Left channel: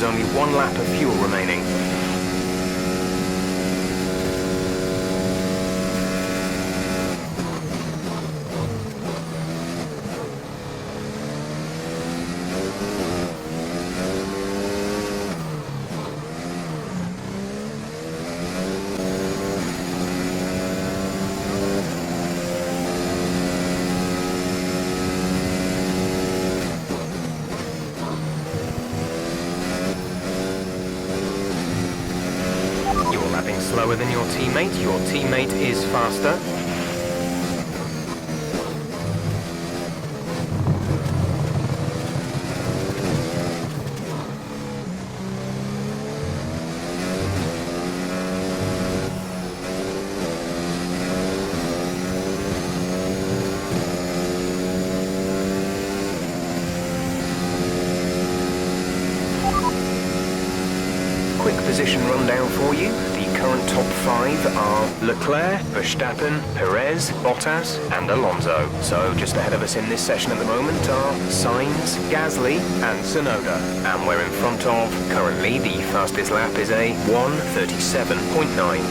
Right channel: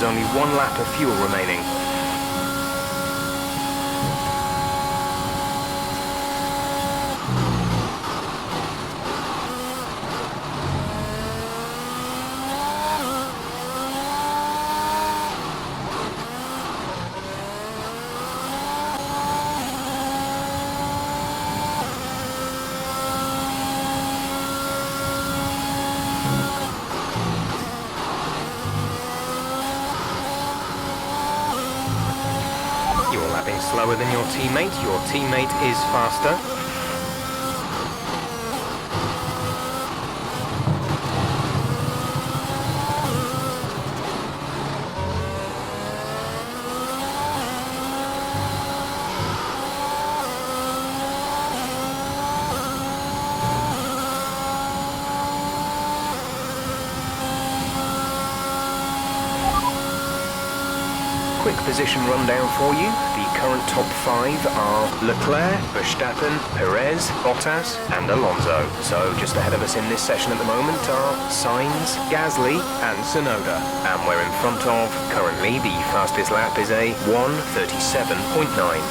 has only 1 lap of fuel remaining. You're lapping slower than your teammate. Your teammate is faster. Quick position rundown for you. The current top 5 are Leclerc, Verstappen, Perez, Bottas and Alonso. So just ahead of us in this session at the moment are Sainz, Gasly and Tsunoda. And we're in front of, currently, the fastest lap is a 1:37.9.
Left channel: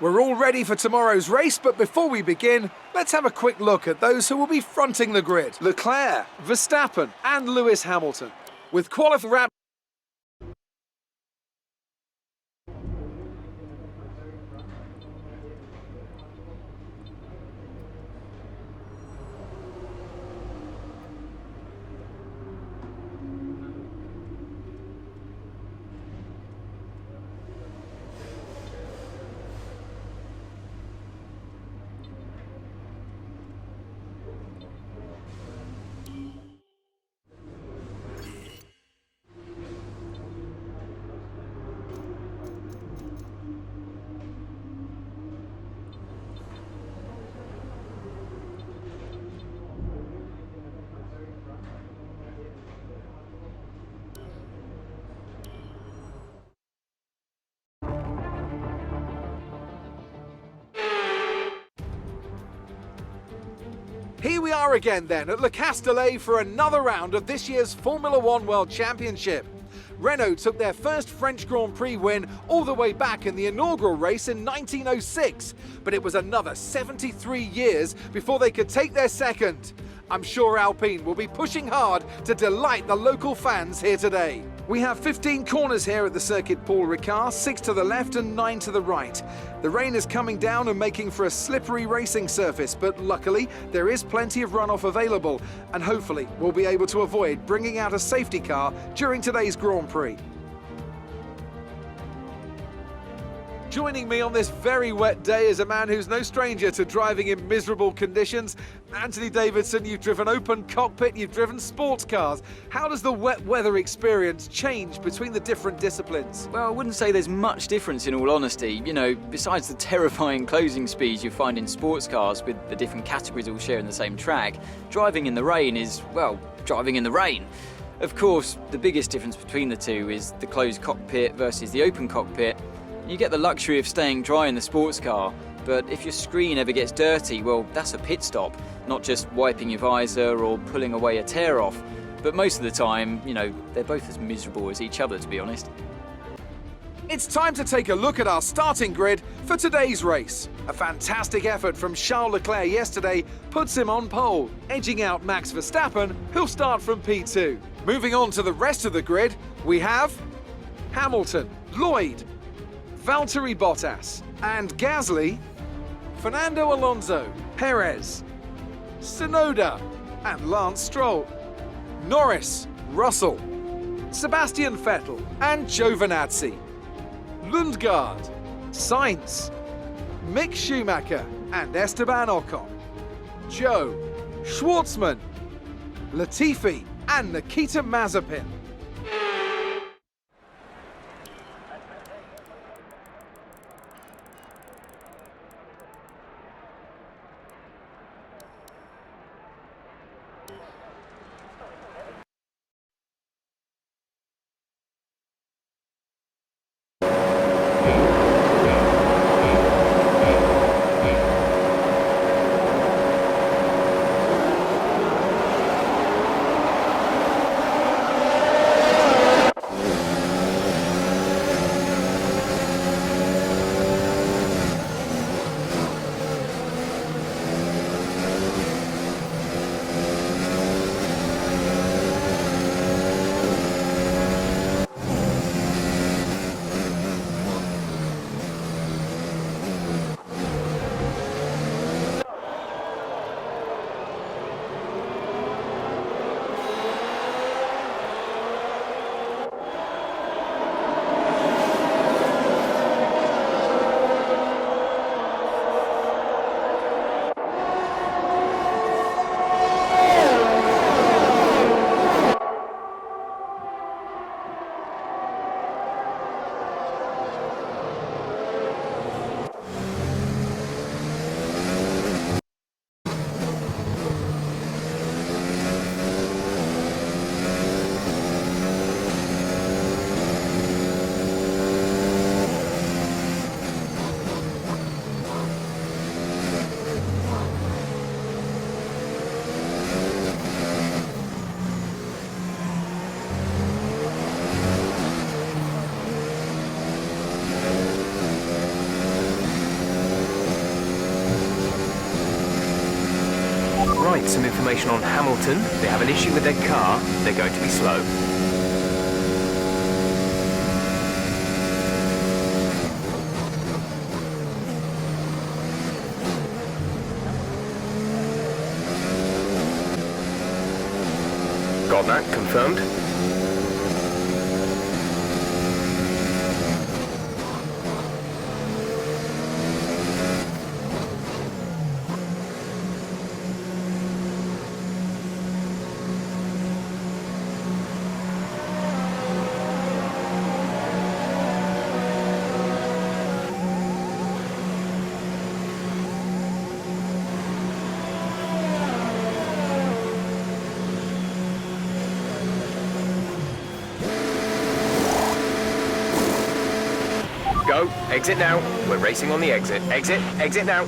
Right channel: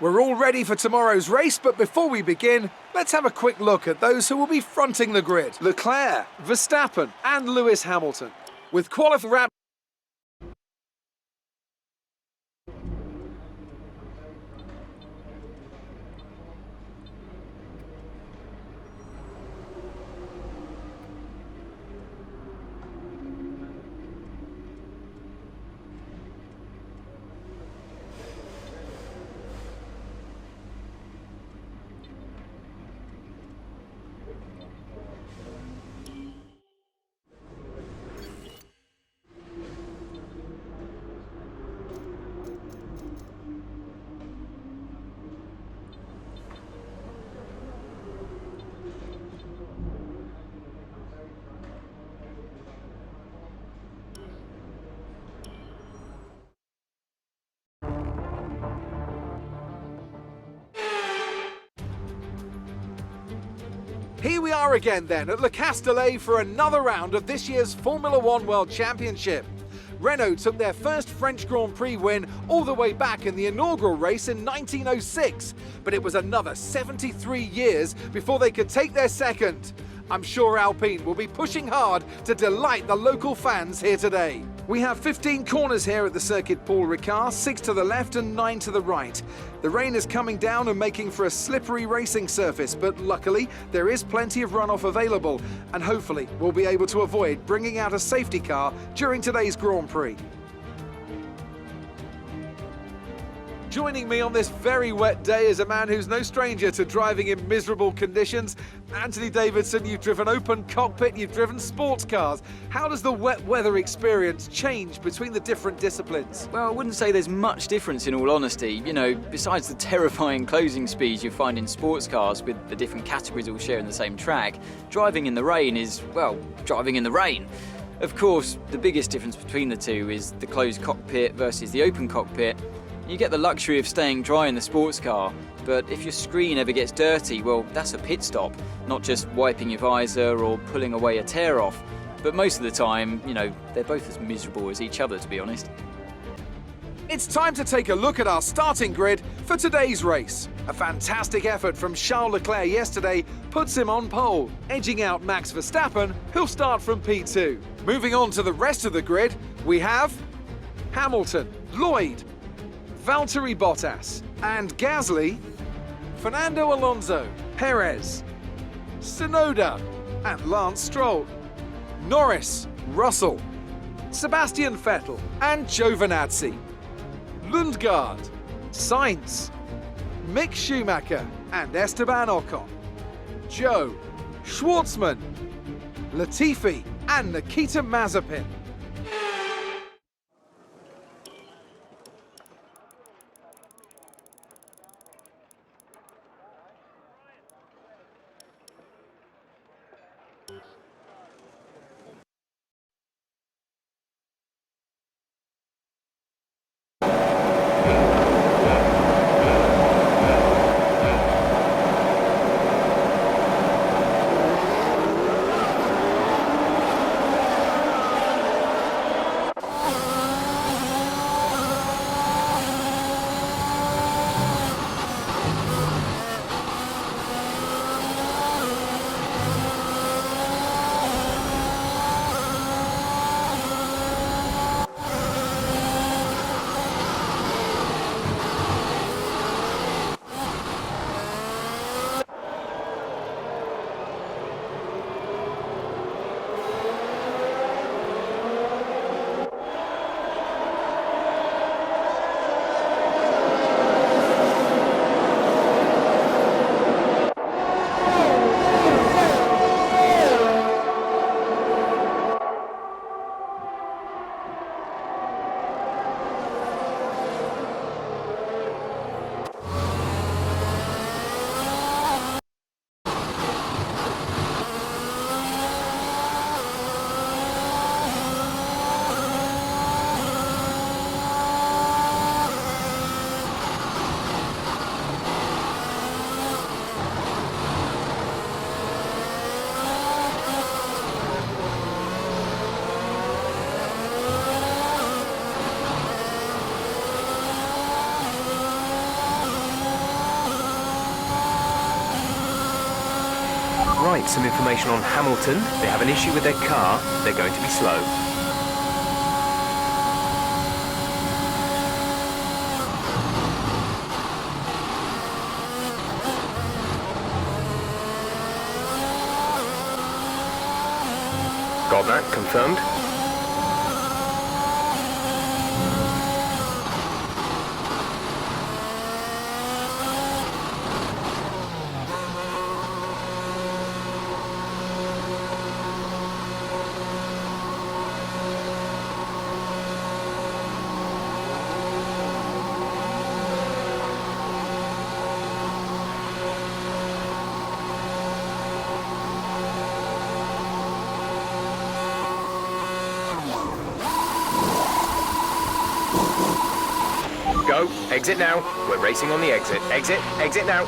We're all ready for tomorrow's race, but before we begin, let's have a quick look at those who will be fronting the grid. Leclerc, Verstappen and Lewis Hamilton. With qualifying wrap. Here we are again then at Le Castellet for another round of this year's Formula One World Championship. Renault took their first French Grand Prix win all the way back in the inaugural race in 1906, but it was another 73 years before they could take their second. I'm sure Alpine will be pushing hard to delight the local fans here today. We have 15 corners here at the Circuit Paul Ricard, 6 to the left and 9 to the right. The rain is coming down and making for a slippery racing surface, but luckily there is plenty of runoff available, and hopefully we'll be able to avoid bringing out a safety car during today's Grand Prix. Joining me on this very wet day is a man who's no stranger to driving in miserable conditions. Anthony Davidson, you've driven open cockpit, you've driven sports cars. How does the wet weather experience change between the different disciplines? Well, I wouldn't say there's much difference in all honesty. You know, besides the terrifying closing speeds you find in sports cars with the different categories all sharing the same track, driving in the rain is, well, driving in the rain. Of course, the biggest difference between the two is the closed cockpit versus the open cockpit. You get the luxury of staying dry in the sports car, but if your screen ever gets dirty, well, that's a pit stop, not just wiping your visor or pulling away a tear off. But most of the time, you know, they're both as miserable as each other, to be honest. It's time to take a look at our starting grid for today's race. A fantastic effort from Charles Leclerc yesterday puts him on pole, edging out Max Verstappen, who'll start from P2. Moving on to the rest of the grid, we have Hamilton, Lloyd, Valtteri Bottas, And Gasly, Fernando Alonso, Perez, Tsunoda, and Lance Stroll, Norris, Russell, Sebastian Vettel, and Giovinazzi, Lundgaard, Sainz, Mick Schumacher, and Esteban Ocon, Joe, Schwartzman, Latifi, and Nikita Mazepin. Right, some information on Hamilton. They have an issue with their car. They're going to be slow. Got that, confirmed. Go, exit now. We're racing on the exit. Exit, exit now.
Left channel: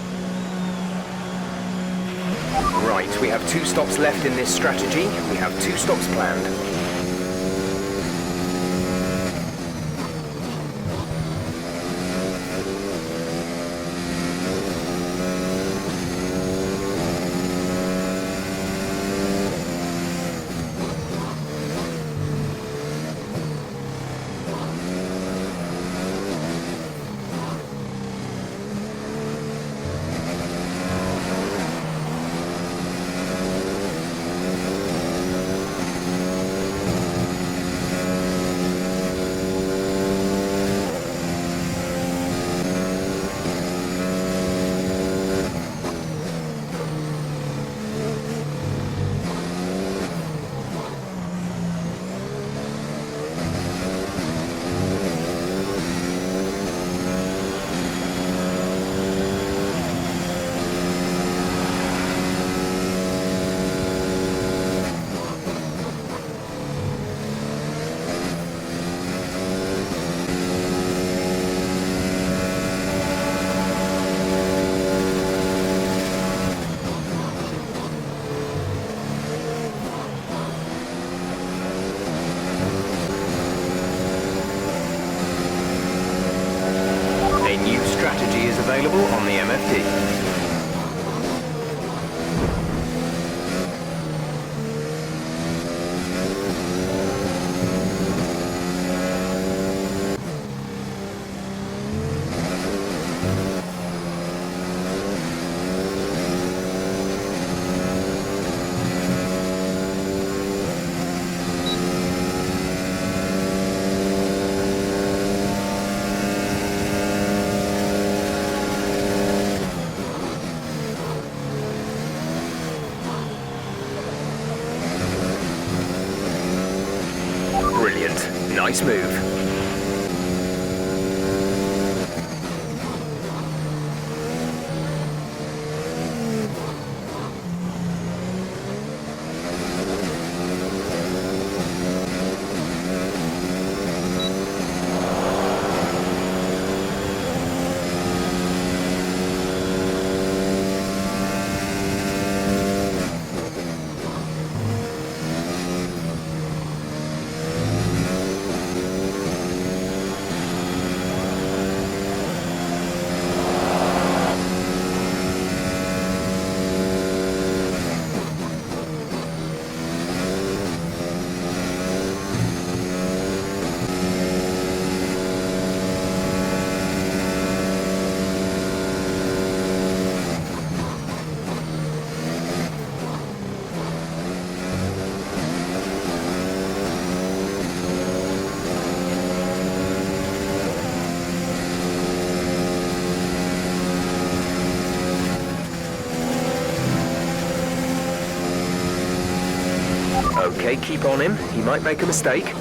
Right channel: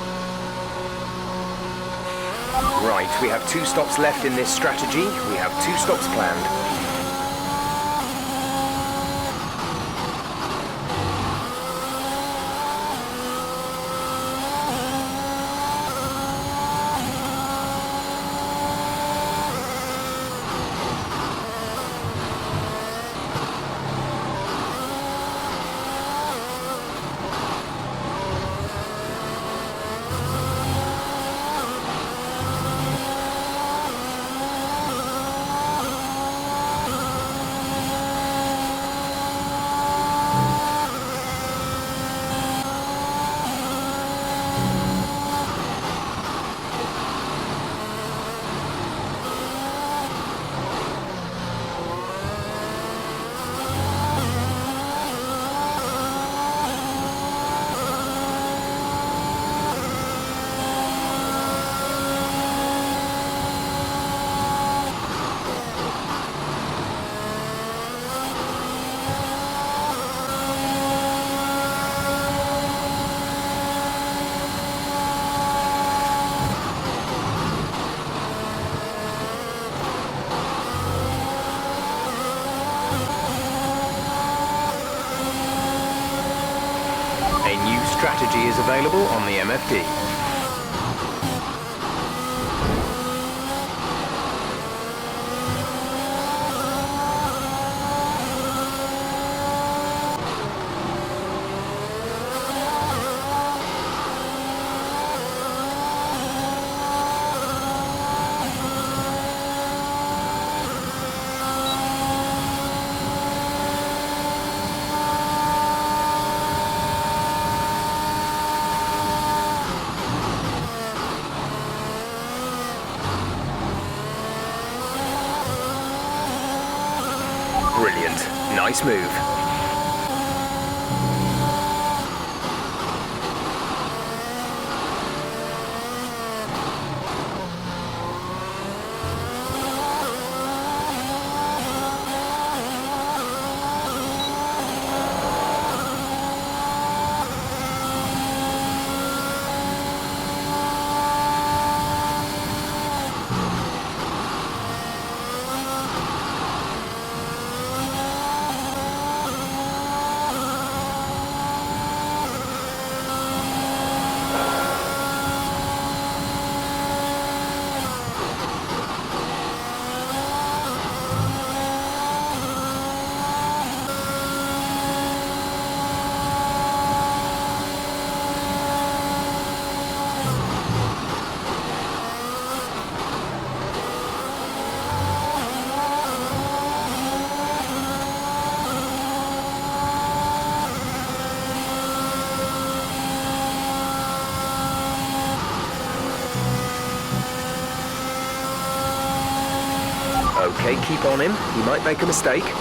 Right, we have 2 stops left in this strategy. We have 2 stops planned. A new strategy is available on the MFD. Brilliant. Nice move. Okay, keep on him. He might make a mistake.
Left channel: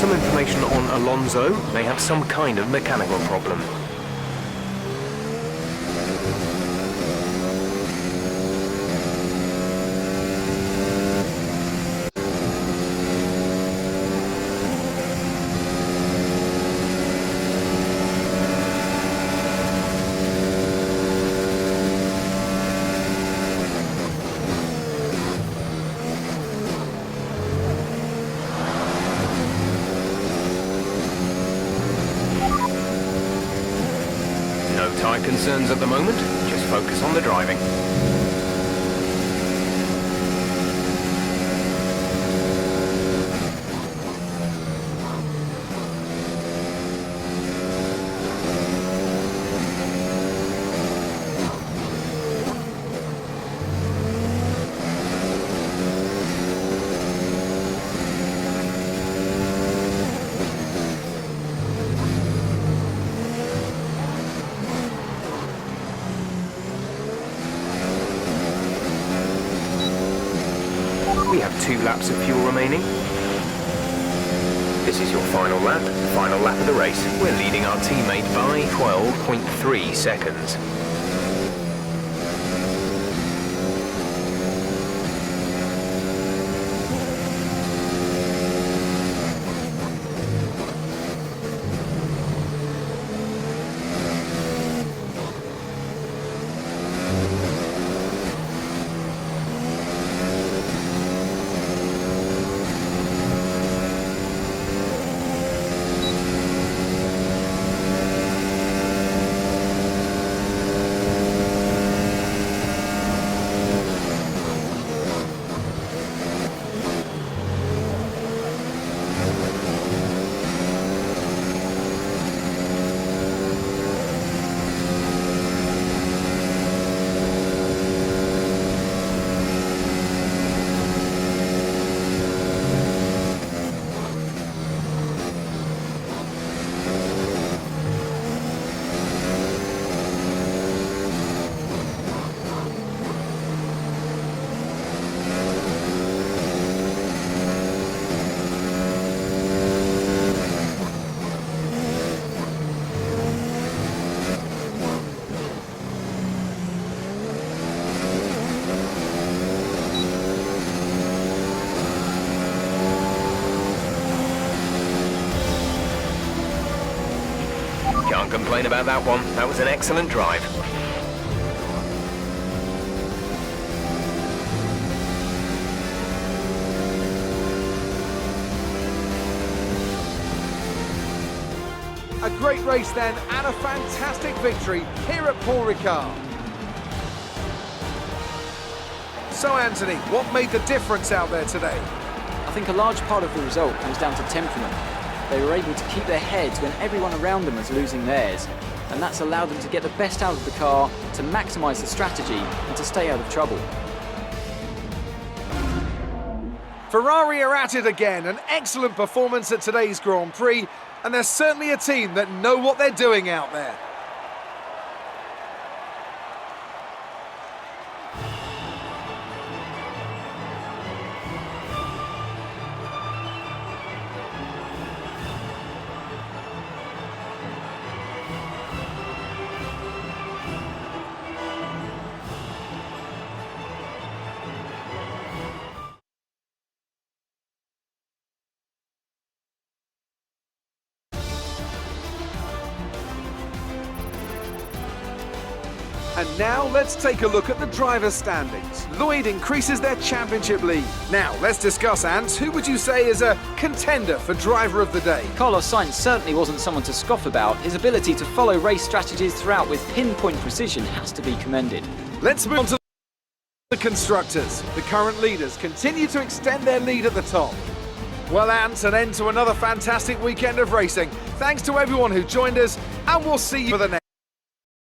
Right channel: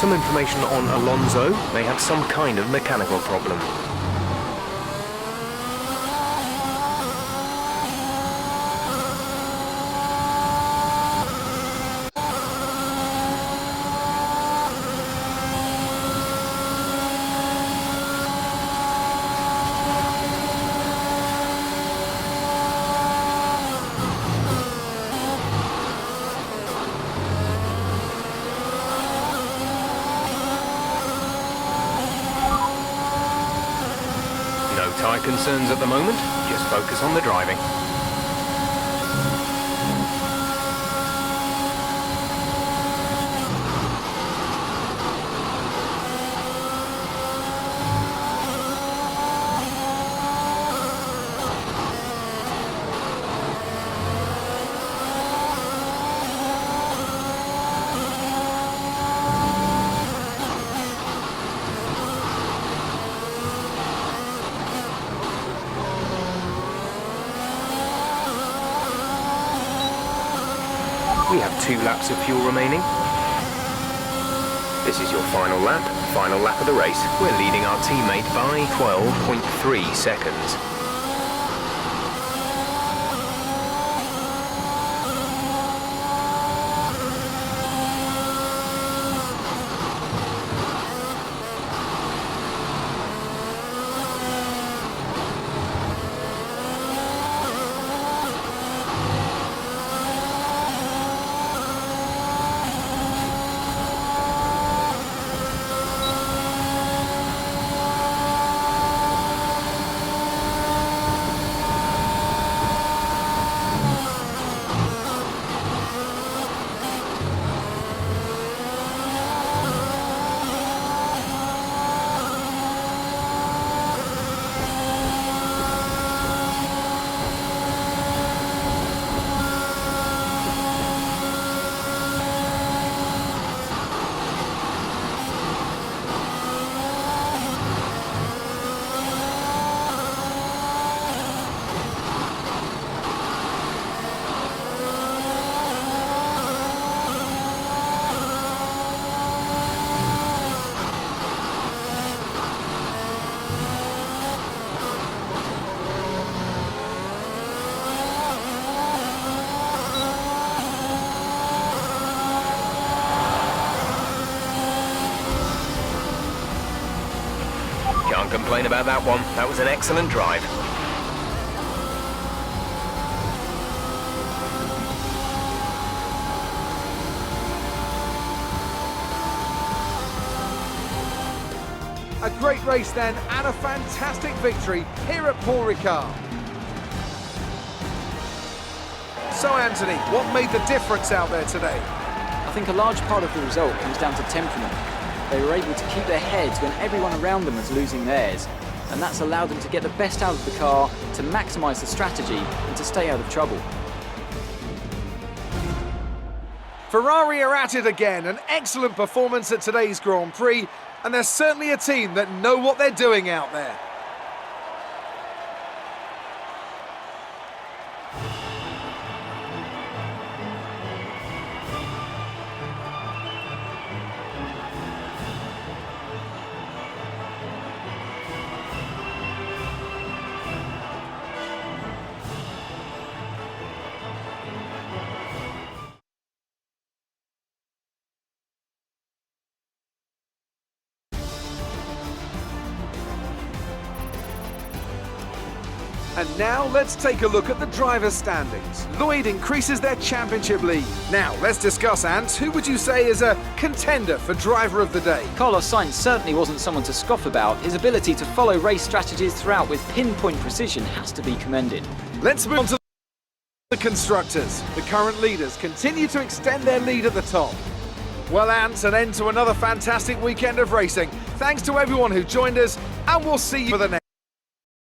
Some information on Alonso may have some kind of mechanical problem. No tyre concerns at the moment, just focus on the driving. We have 2 laps of fuel remaining. This is your final lap of the race. We're leading our teammate by 12.3 seconds. Can't complain about that one. That was an excellent drive. A great race then, and a fantastic victory here at Paul Ricard. So Anthony, what made the difference out there today? I think a large part of the result comes down to temperament. They were able to keep their heads when everyone around them was losing theirs, and that's allowed them to get the best out of the car, to maximise the strategy, and to stay out of trouble. Ferrari are at it again, an excellent performance at today's Grand Prix, and they're certainly a team that know what they're doing out there. And now let's take a look at the driver's standings. Lloyd increases their championship lead. Now let's discuss, Ant, who would you say is a contender for driver of the day? Carlos Sainz certainly wasn't someone to scoff about. His ability to follow race strategies throughout with pinpoint precision has to be commended. Let's move on to the constructors. The current leaders continue to extend their lead at the top. Well, Ant, an end to another fantastic weekend of racing. Thanks to everyone who joined us, and we'll see you for the next.